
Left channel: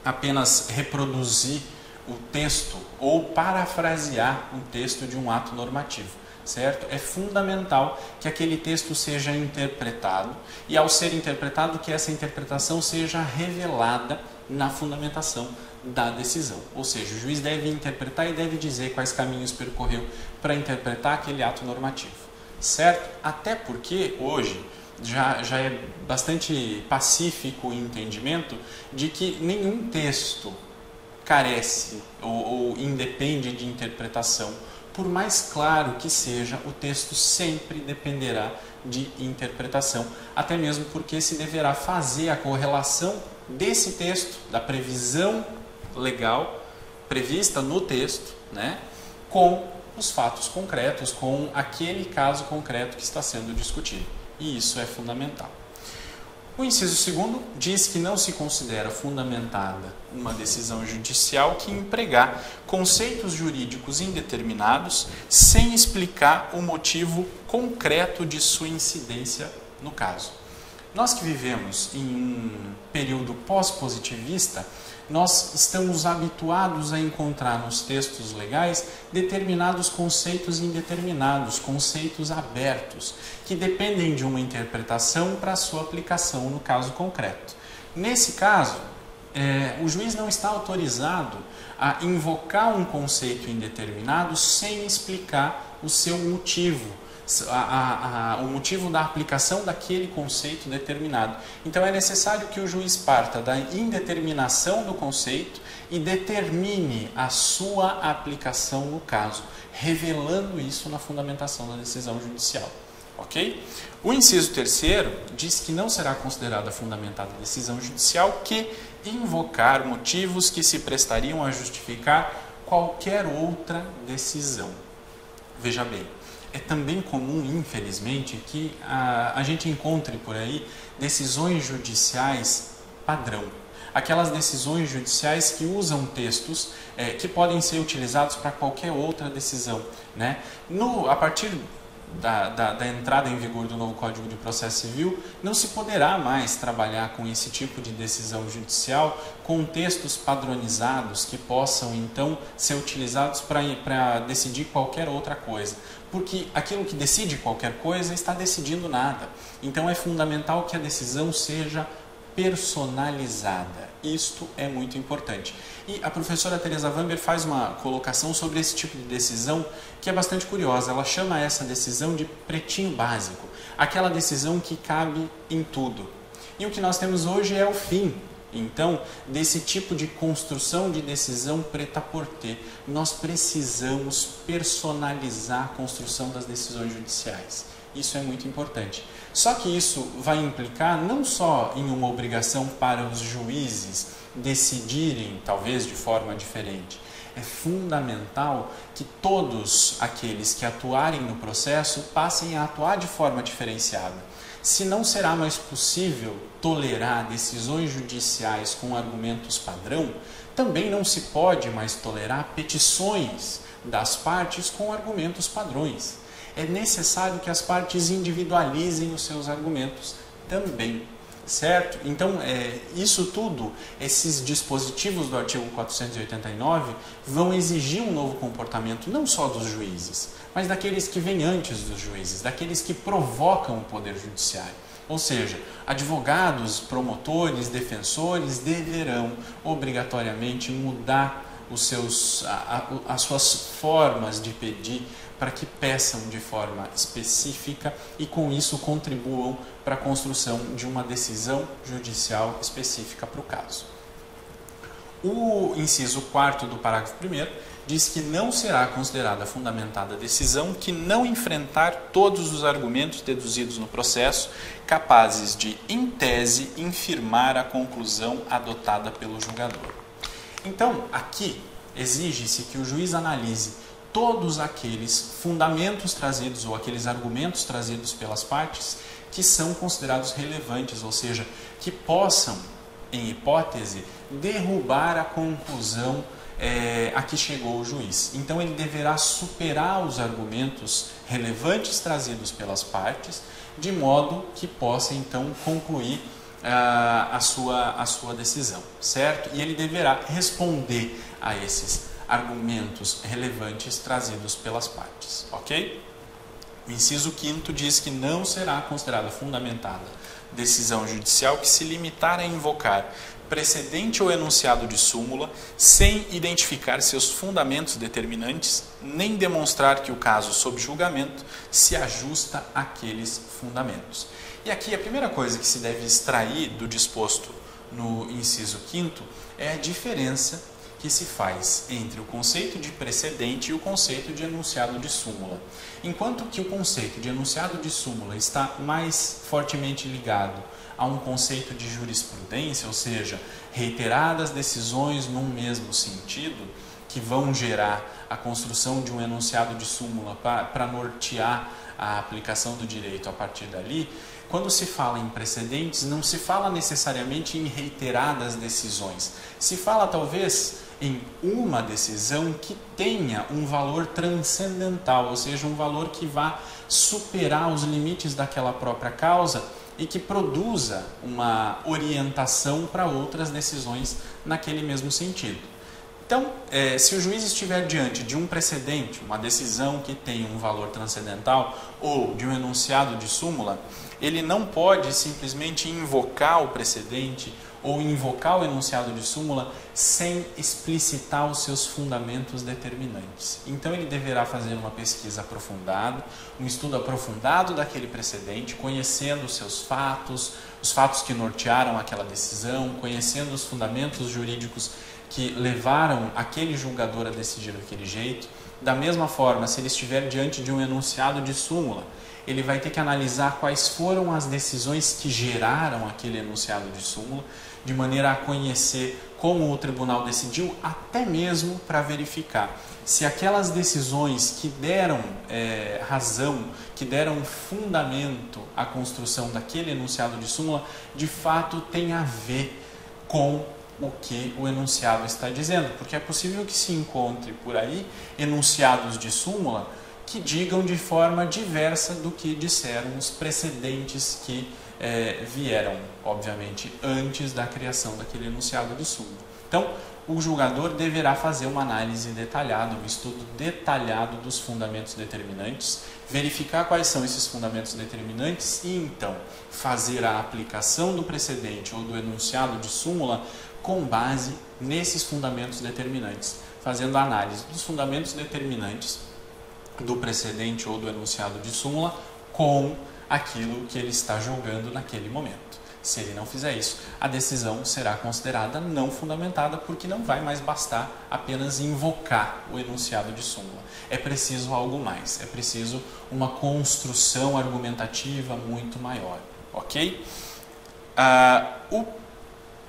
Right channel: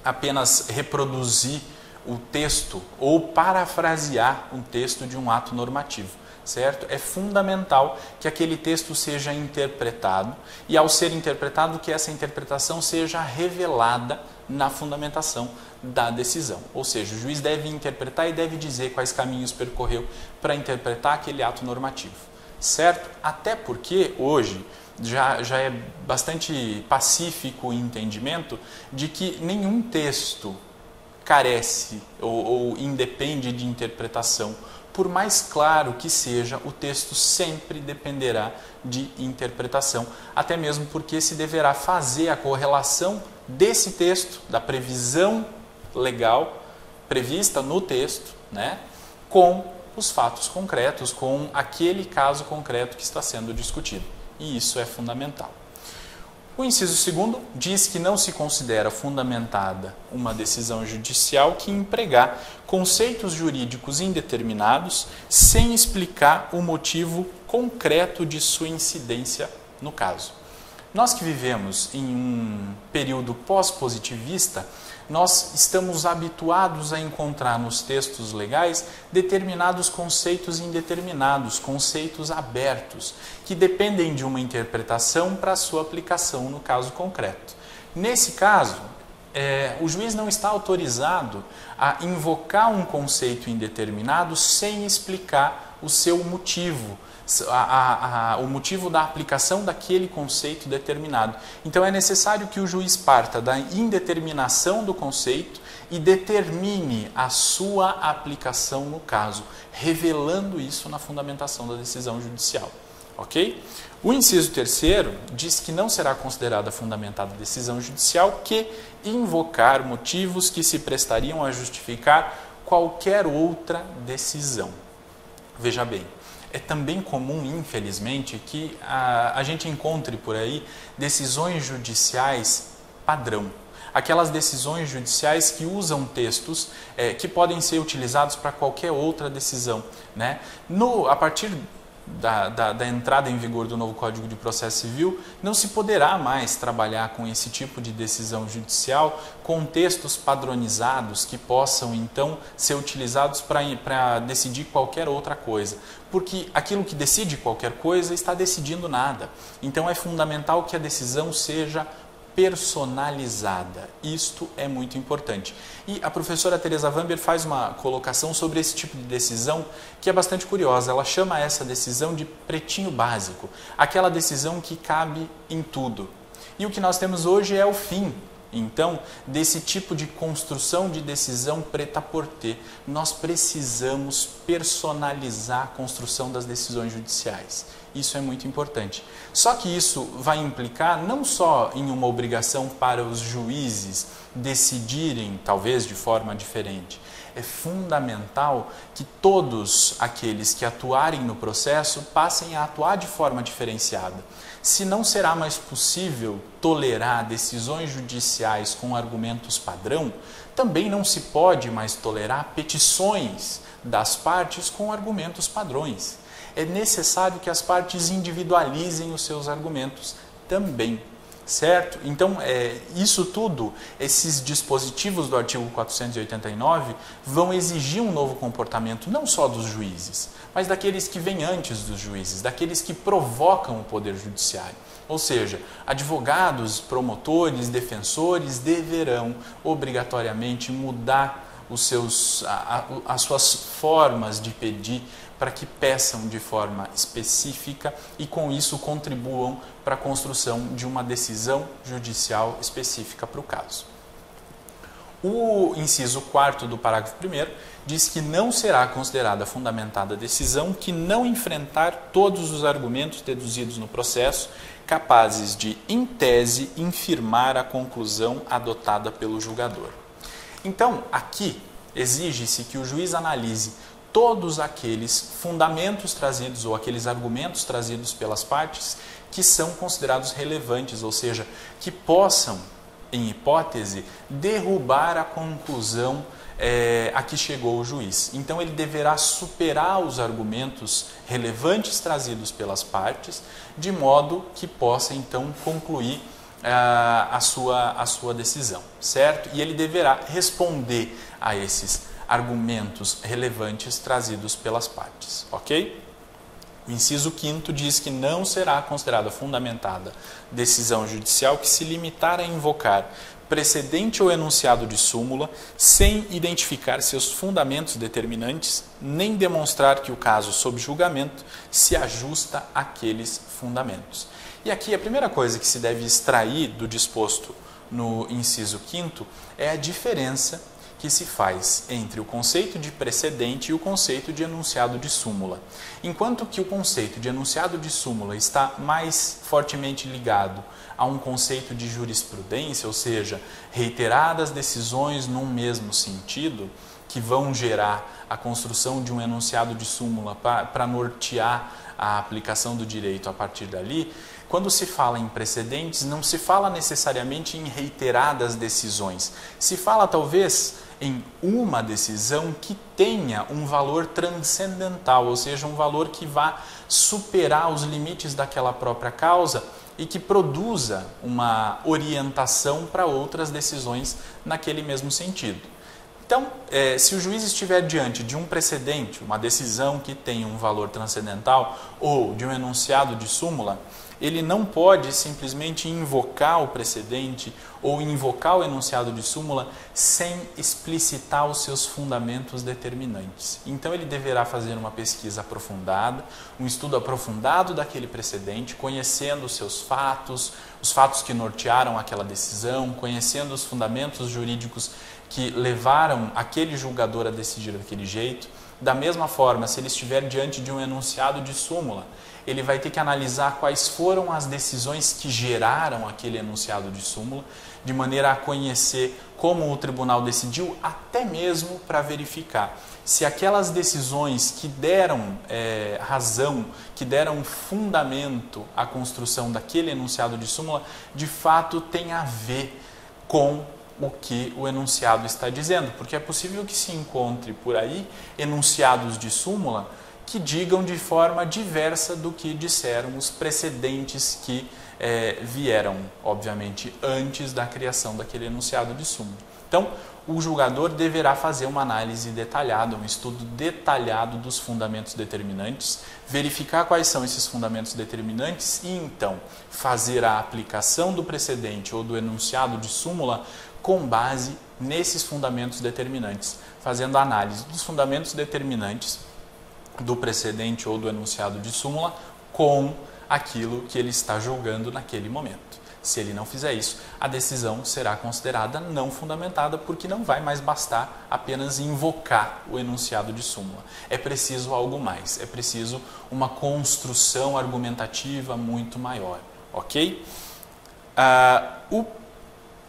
apenas reproduzir o texto ou parafrasear um texto de um ato normativo, certo? É fundamental que aquele texto seja interpretado e, ao ser interpretado, que essa interpretação seja revelada na fundamentação da decisão. Ou seja, o juiz deve interpretar e deve dizer quais caminhos percorreu para interpretar aquele ato normativo, certo? Até porque hoje já é bastante pacífico o entendimento de que nenhum texto carece ou independe de interpretação. Por mais claro que seja, o texto sempre dependerá de interpretação, até mesmo porque se deverá fazer a correlação desse texto, da previsão legal prevista no texto, né, com os fatos concretos, com aquele caso concreto que está sendo discutido. E isso é fundamental. O inciso 2º diz que não se considera fundamentada uma decisão judicial que empregar conceitos jurídicos indeterminados sem explicar o motivo concreto de sua incidência no caso. Nós que vivemos em um período pós-positivista, nós estamos habituados a encontrar nos textos legais determinados conceitos indeterminados, conceitos abertos, que dependem de uma interpretação para a sua aplicação no caso concreto. Nesse caso, o juiz não está autorizado a invocar um conceito indeterminado sem explicar o seu motivo, o motivo da aplicação daquele conceito determinado. Então é necessário que o juiz parta da indeterminação do conceito e determine a sua aplicação no caso, revelando isso na fundamentação da decisão judicial. Ok? O inciso 3º diz que não será considerada fundamentada a decisão judicial que invocar motivos que se prestariam a justificar qualquer outra decisão. Veja bem, é também comum, infelizmente, que a gente encontre por aí decisões judiciais padrão. Aquelas decisões judiciais que usam textos que podem ser utilizados para qualquer outra decisão, né? A partir da entrada em vigor do novo Código de Processo Civil, não se poderá mais trabalhar com esse tipo de decisão judicial com textos padronizados que possam, então, ser utilizados para decidir qualquer outra coisa. Porque aquilo que decide qualquer coisa está decidindo nada. Então, é fundamental que a decisão seja personalizada. Isto é muito importante. E a professora Teresa Vamber faz uma colocação sobre esse tipo de decisão que é bastante curiosa. Ela chama essa decisão de pretinho básico, aquela decisão que cabe em tudo. E o que nós temos hoje é o fim, então, desse tipo de construção de decisão prêt-à-porter. Nós precisamos personalizar a construção das decisões judiciais. Isso é muito importante. Só que isso vai implicar não só em uma obrigação para os juízes decidirem, talvez de forma diferente. É fundamental que todos aqueles que atuarem no processo passem a atuar de forma diferenciada. Se não será mais possível tolerar decisões judiciais com argumentos padrão, também não se pode mais tolerar petições das partes com argumentos padrões. É necessário que as partes individualizem os seus argumentos também, certo? Então, isso tudo, esses dispositivos do artigo 489 vão exigir um novo comportamento não só dos juízes, mas daqueles que vêm antes dos juízes, daqueles que provocam o poder judiciário. Ou seja, advogados, promotores, defensores deverão obrigatoriamente mudar as suas formas de pedir para que peçam de forma específica e com isso contribuam para a construção de uma decisão judicial específica para o caso. O inciso 4º do parágrafo 1º diz que não será considerada fundamentada a decisão que não enfrentar todos os argumentos deduzidos no processo capazes de, em tese, infirmar a conclusão adotada pelo julgador. Então, aqui exige-se que o juiz analise todos aqueles fundamentos trazidos ou aqueles argumentos trazidos pelas partes que são considerados relevantes, ou seja, que possam, em hipótese, derrubar a conclusão a que chegou o juiz. Então ele deverá superar os argumentos relevantes trazidos pelas partes, de modo que possa então concluir a sua decisão, certo? E ele deverá responder a esses argumentos relevantes trazidos pelas partes, ok? O inciso 5º diz que não será considerada fundamentada decisão judicial que se limitar a invocar precedente ou enunciado de súmula sem identificar seus fundamentos determinantes, nem demonstrar que o caso sob julgamento se ajusta àqueles fundamentos. E aqui a primeira coisa que se deve extrair do disposto no inciso 5º é a diferença que se faz entre o conceito de precedente e o conceito de enunciado de súmula. Enquanto que o conceito de enunciado de súmula está mais fortemente ligado a um conceito de jurisprudência, ou seja, reiteradas decisões num mesmo sentido, que vão gerar a construção de um enunciado de súmula para nortear a aplicação do direito a partir dali. Quando se fala em precedentes, não se fala necessariamente em reiteradas decisões. Se fala talvez em uma decisão que tenha um valor transcendental, ou seja, um valor que vá superar os limites daquela própria causa e que produza uma orientação para outras decisões naquele mesmo sentido. Então, se o juiz estiver diante de um precedente, uma decisão que tem um valor transcendental ou de um enunciado de súmula, ele não pode simplesmente invocar o precedente ou invocar o enunciado de súmula sem explicitar os seus fundamentos determinantes. Então ele deverá fazer uma pesquisa aprofundada, um estudo aprofundado daquele precedente, conhecendo os seus fatos, os fatos que nortearam aquela decisão, conhecendo os fundamentos jurídicos que levaram aquele julgador a decidir daquele jeito. Da mesma forma, se ele estiver diante de um enunciado de súmula, ele vai ter que analisar quais foram as decisões que geraram aquele enunciado de súmula, de maneira a conhecer como o tribunal decidiu, até mesmo para verificar se aquelas decisões que deram razão, que deram fundamento à construção daquele enunciado de súmula, de fato tem a ver com o que o enunciado está dizendo, porque é possível que se encontre por aí enunciados de súmula que digam de forma diversa do que disseram os precedentes que vieram, obviamente, antes da criação daquele enunciado de súmula. Então, o julgador deverá fazer uma análise detalhada, um estudo detalhado dos fundamentos determinantes, verificar quais são esses fundamentos determinantes e, então, fazer a aplicação do precedente ou do enunciado de súmula com base nesses fundamentos determinantes, fazendo a análise dos fundamentos determinantes do precedente ou do enunciado de súmula com aquilo que ele está julgando naquele momento. Se ele não fizer isso, a decisão será considerada não fundamentada, porque não vai mais bastar apenas invocar o enunciado de súmula. É preciso algo mais, é preciso uma construção argumentativa muito maior, ok? O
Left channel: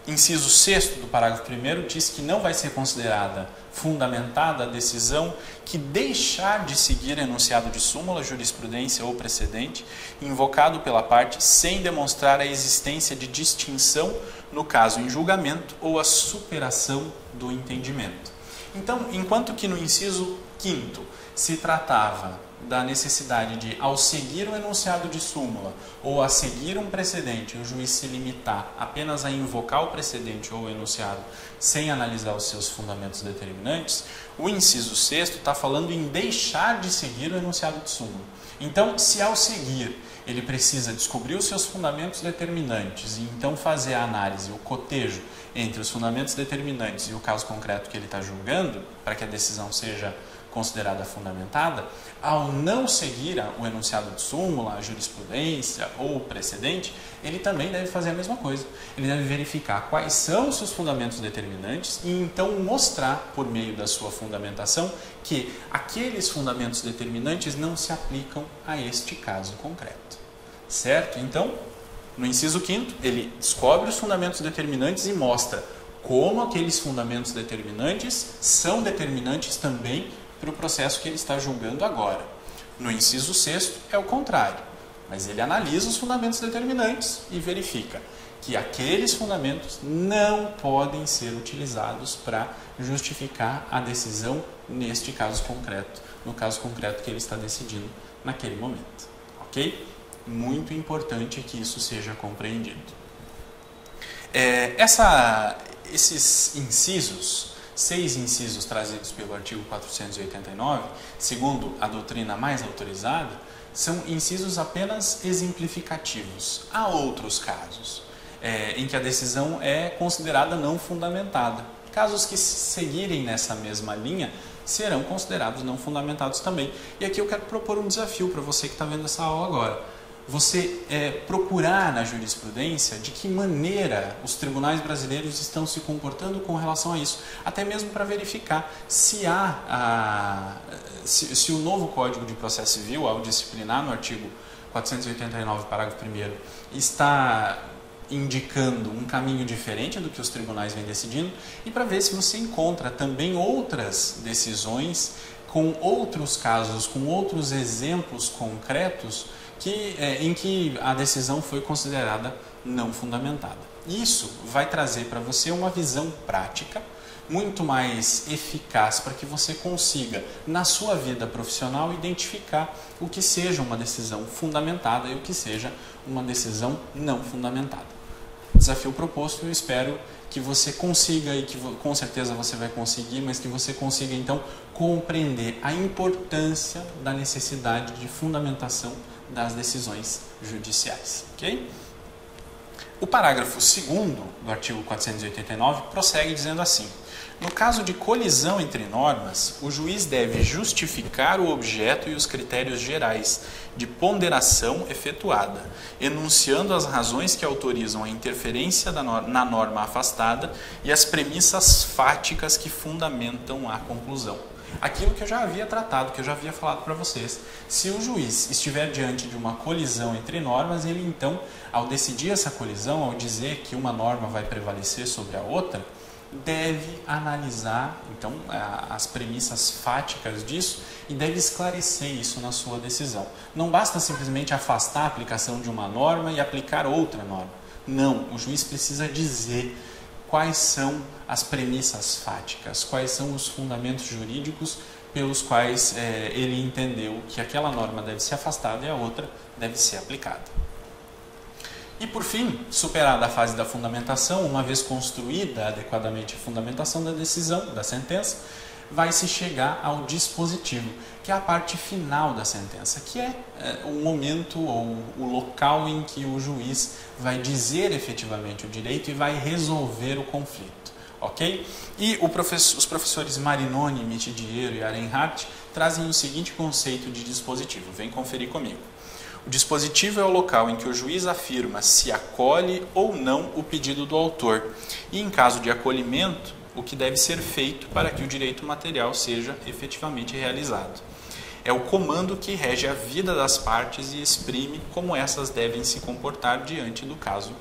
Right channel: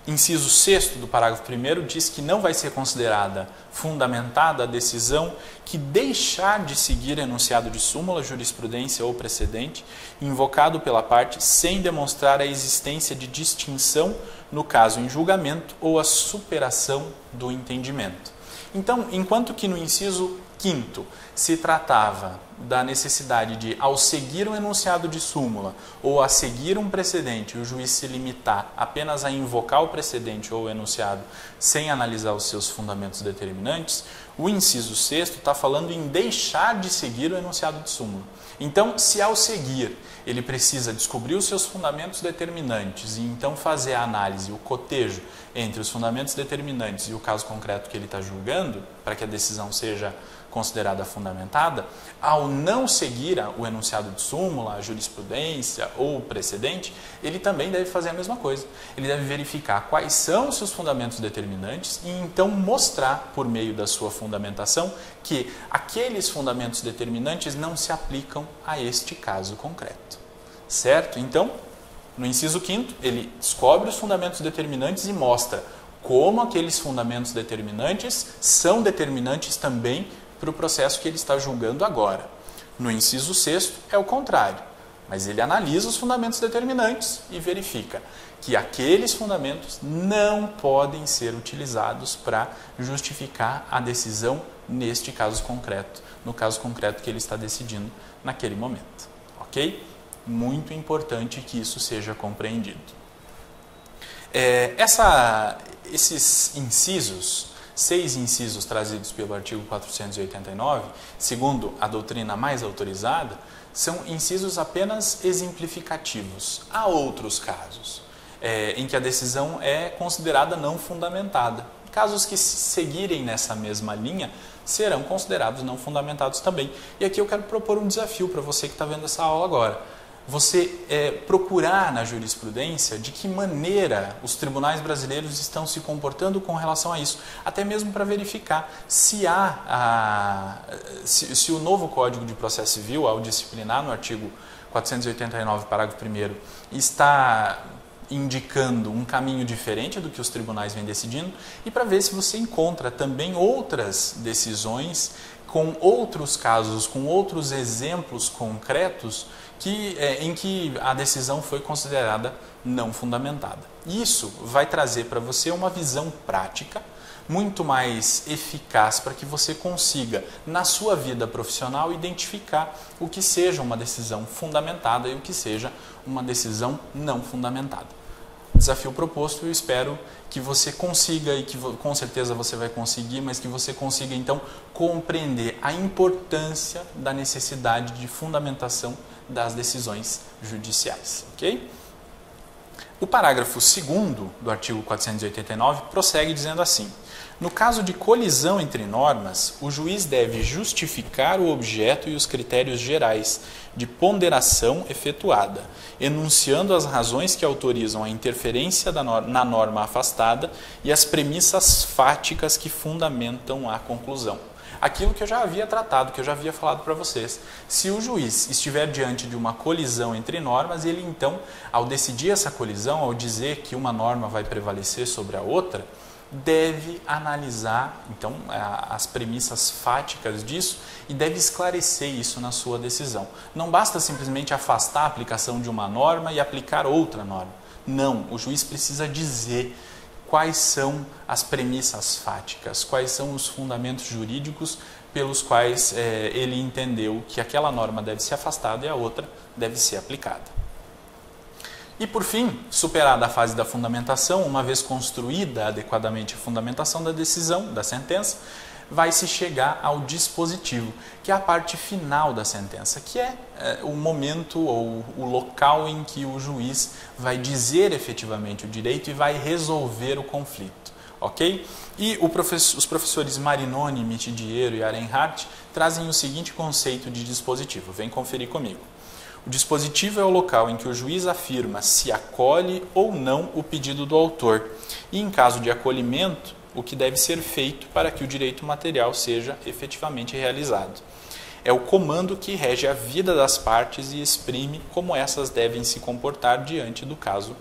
inciso 6º do parágrafo 1º diz que não vai ser considerada fundamentada a decisão que deixar de seguir enunciado de súmula, jurisprudência ou precedente invocado pela parte sem demonstrar a existência de distinção no caso em julgamento ou a superação do entendimento. Então, enquanto que no inciso 5º se tratava da necessidade de, ao seguir um enunciado de súmula ou a seguir um precedente, o juiz se limitar apenas a invocar o precedente ou o enunciado sem analisar os seus fundamentos determinantes, o inciso 6º está falando em deixar de seguir o enunciado de súmula. Então, se ao seguir ele precisa descobrir os seus fundamentos determinantes e então fazer a análise, o cotejo entre os fundamentos determinantes e o caso concreto que ele está julgando, para que a decisão seja considerada fundamentada, ao não seguir o enunciado de súmula, a jurisprudência ou o precedente, ele também deve fazer a mesma coisa. Ele deve verificar quais são os seus fundamentos determinantes e então mostrar, por meio da sua fundamentação, que aqueles fundamentos determinantes não se aplicam a este caso concreto. Certo? Então, no inciso 5º, ele descobre os fundamentos determinantes e mostra como aqueles fundamentos determinantes são determinantes também para o processo que ele está julgando agora. No inciso 6º é o contrário. mas ele analisa os fundamentos determinantes e verifica que aqueles fundamentos não podem ser utilizados para justificar a decisão neste caso concreto, no caso concreto que ele está decidindo naquele momento, ok? Muito importante que isso seja compreendido. Esses incisos, 6 incisos trazidos pelo artigo 489, segundo a doutrina mais autorizada, são incisos apenas exemplificativos. Há outros casos em que a decisão é considerada não fundamentada. Casos que seguirem nessa mesma linha serão considerados não fundamentados também. E aqui eu quero propor um desafio para você que está vendo essa aula agora. Você procurar na jurisprudência de que maneira os tribunais brasileiros estão se comportando com relação a isso, até mesmo para verificar se se o novo Código de Processo Civil, ao disciplinar no artigo 489, parágrafo 1º, está indicando um caminho diferente do que os tribunais vêm decidindo, e para ver se você encontra também outras decisões com outros casos, com outros exemplos concretos em que a decisão foi considerada não fundamentada. Isso vai trazer para você uma visão prática muito mais eficaz para que você consiga, na sua vida profissional, identificar o que seja uma decisão fundamentada e o que seja uma decisão não fundamentada. Desafio proposto, eu espero que você consiga, e que com certeza você vai conseguir, mas que você consiga então compreender a importância da necessidade de fundamentação das decisões judiciais, ok? O parágrafo 2º do artigo 489 prossegue dizendo assim: no caso de colisão entre normas, o juiz deve justificar o objeto e os critérios gerais de ponderação efetuada, enunciando as razões que autorizam a interferência na norma afastada e as premissas fáticas que fundamentam a conclusão. Aquilo que eu já havia tratado, que eu já havia falado para vocês. Se o juiz estiver diante de uma colisão entre normas, ele então, ao decidir essa colisão, ao dizer que uma norma vai prevalecer sobre a outra, deve analisar então as premissas fáticas disso e deve esclarecer isso na sua decisão. Não basta simplesmente afastar a aplicação de uma norma e aplicar outra norma. Não, o juiz precisa dizer quais são as premissas fáticas, quais são os fundamentos jurídicos pelos quais ele entendeu que aquela norma deve ser afastada e a outra deve ser aplicada. E, por fim, superada a fase da fundamentação, uma vez construída adequadamente a fundamentação da decisão, da sentença, vai-se chegar ao dispositivo, que é a parte final da sentença, que é o momento ou o local em que o juiz vai dizer efetivamente o direito e vai resolver o conflito. Ok? E os professores Marinoni, Mitidiero e Arenhardt trazem o seguinte conceito de dispositivo. Vem conferir comigo. O dispositivo é o local em que o juiz afirma se acolhe ou não o pedido do autor e, em caso de acolhimento, o que deve ser feito para que o direito material seja efetivamente realizado. É o comando que rege a vida das partes e exprime como essas devem se comportar diante do caso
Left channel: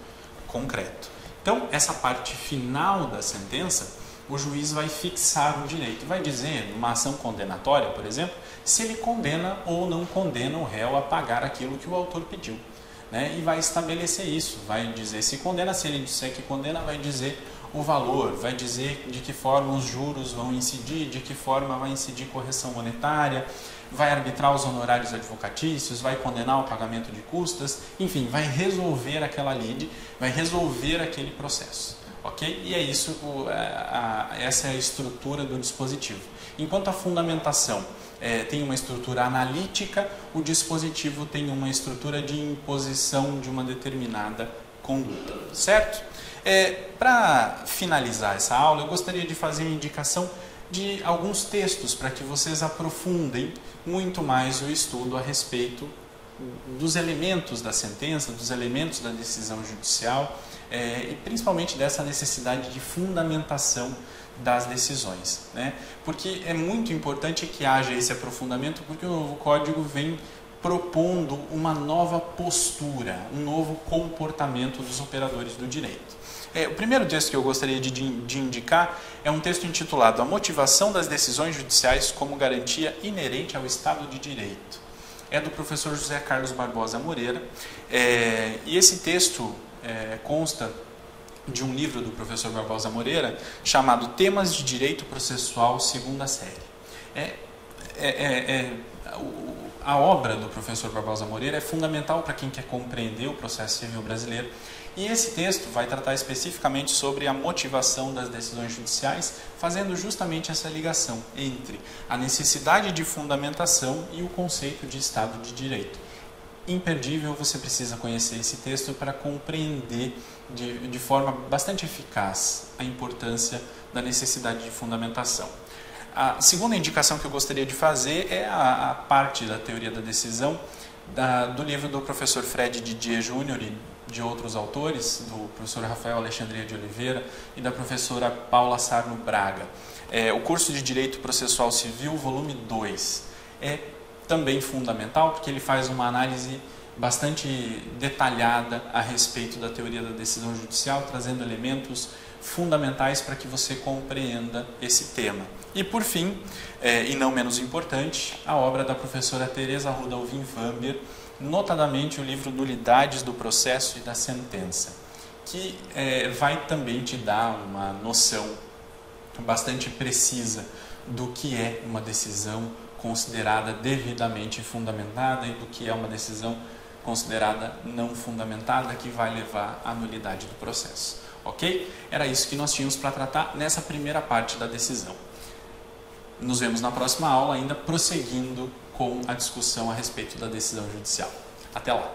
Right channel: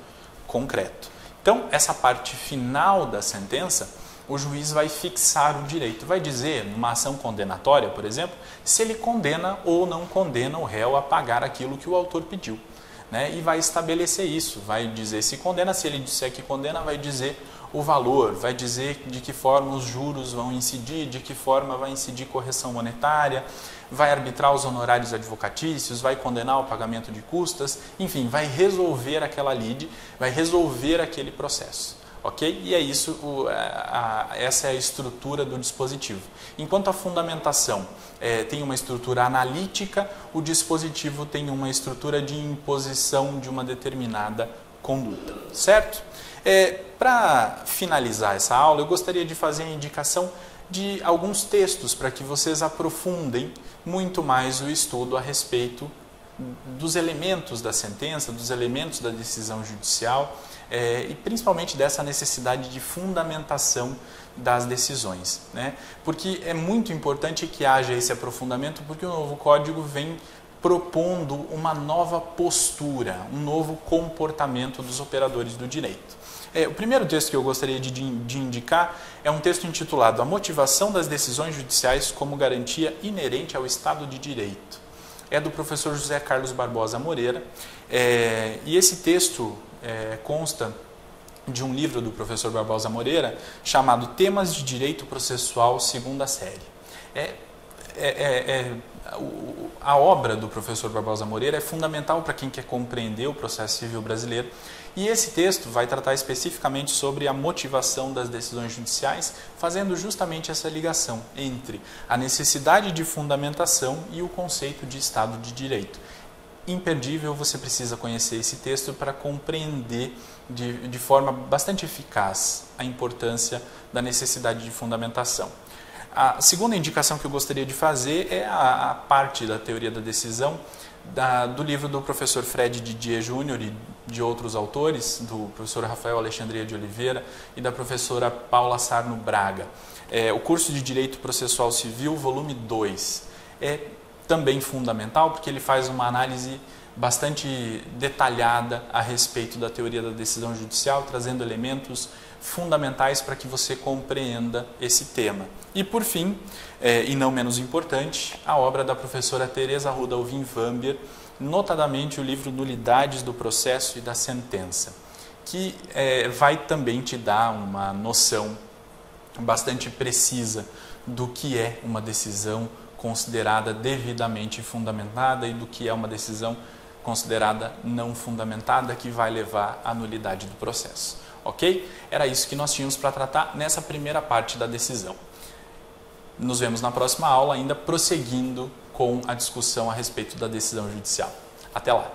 concreto. Então, essa parte final da sentença, o juiz vai fixar o direito, vai dizer, numa ação condenatória, por exemplo, se ele condena ou não condena o réu a pagar aquilo que o autor pediu, né? E vai estabelecer isso, vai dizer se condena, se ele disser que condena, vai dizer o valor, vai dizer de que forma os juros vão incidir, de que forma vai incidir correção monetária, vai arbitrar os honorários advocatícios, vai condenar o pagamento de custas, enfim, vai resolver aquela lide, vai resolver aquele processo. Ok? E é isso, essa é a estrutura do dispositivo. Enquanto a fundamentação tem uma estrutura analítica, o dispositivo tem uma estrutura de imposição de uma determinada conduta. Certo? Para finalizar essa aula, eu gostaria de fazer a indicação de alguns textos para que vocês aprofundem muito mais o estudo a respeito dos elementos da sentença, dos elementos da decisão judicial, e principalmente dessa necessidade de fundamentação das decisões, né? Porque é muito importante que haja esse aprofundamento, porque o novo código vem propondo uma nova postura, um novo comportamento dos operadores do direito. O primeiro texto que eu gostaria de indicar é um texto intitulado A Motivação das Decisões Judiciais como Garantia Inerente ao Estado de Direito. é do professor José Carlos Barbosa Moreira, e esse texto consta de um livro do professor Barbosa Moreira chamado Temas de Direito Processual, segunda série. A obra do professor Barbosa Moreira é fundamental para quem quer compreender o processo civil brasileiro, e esse texto vai tratar especificamente sobre a motivação das decisões judiciais, fazendo justamente essa ligação entre a necessidade de fundamentação e o conceito de Estado de Direito. Imperdível, você precisa conhecer esse texto para compreender de forma bastante eficaz a importância da necessidade de fundamentação. A segunda indicação que eu gostaria de fazer é a parte da teoria da decisão do livro do professor Fred Didier Júnior e de outros autores, do professor Rafael Alexandria de Oliveira e da professora Paula Sarno Braga. O curso de Direito Processual Civil, volume 2. É também fundamental porque ele faz uma análise bastante detalhada a respeito da teoria da decisão judicial, trazendo elementos fundamentais para que você compreenda esse tema. E por fim, e não menos importante, a obra da professora Teresa Rudolphin Vamber, notadamente o livro Nulidades do Processo e da Sentença, que vai também te dar uma noção bastante precisa do que é uma decisão considerada devidamente fundamentada e do que é uma decisão considerada não fundamentada, que vai levar à nulidade do processo. Ok? Era isso que nós tínhamos para tratar nessa primeira parte da decisão. Nos vemos na próxima aula, ainda prosseguindo com a discussão a respeito da decisão judicial. Até lá!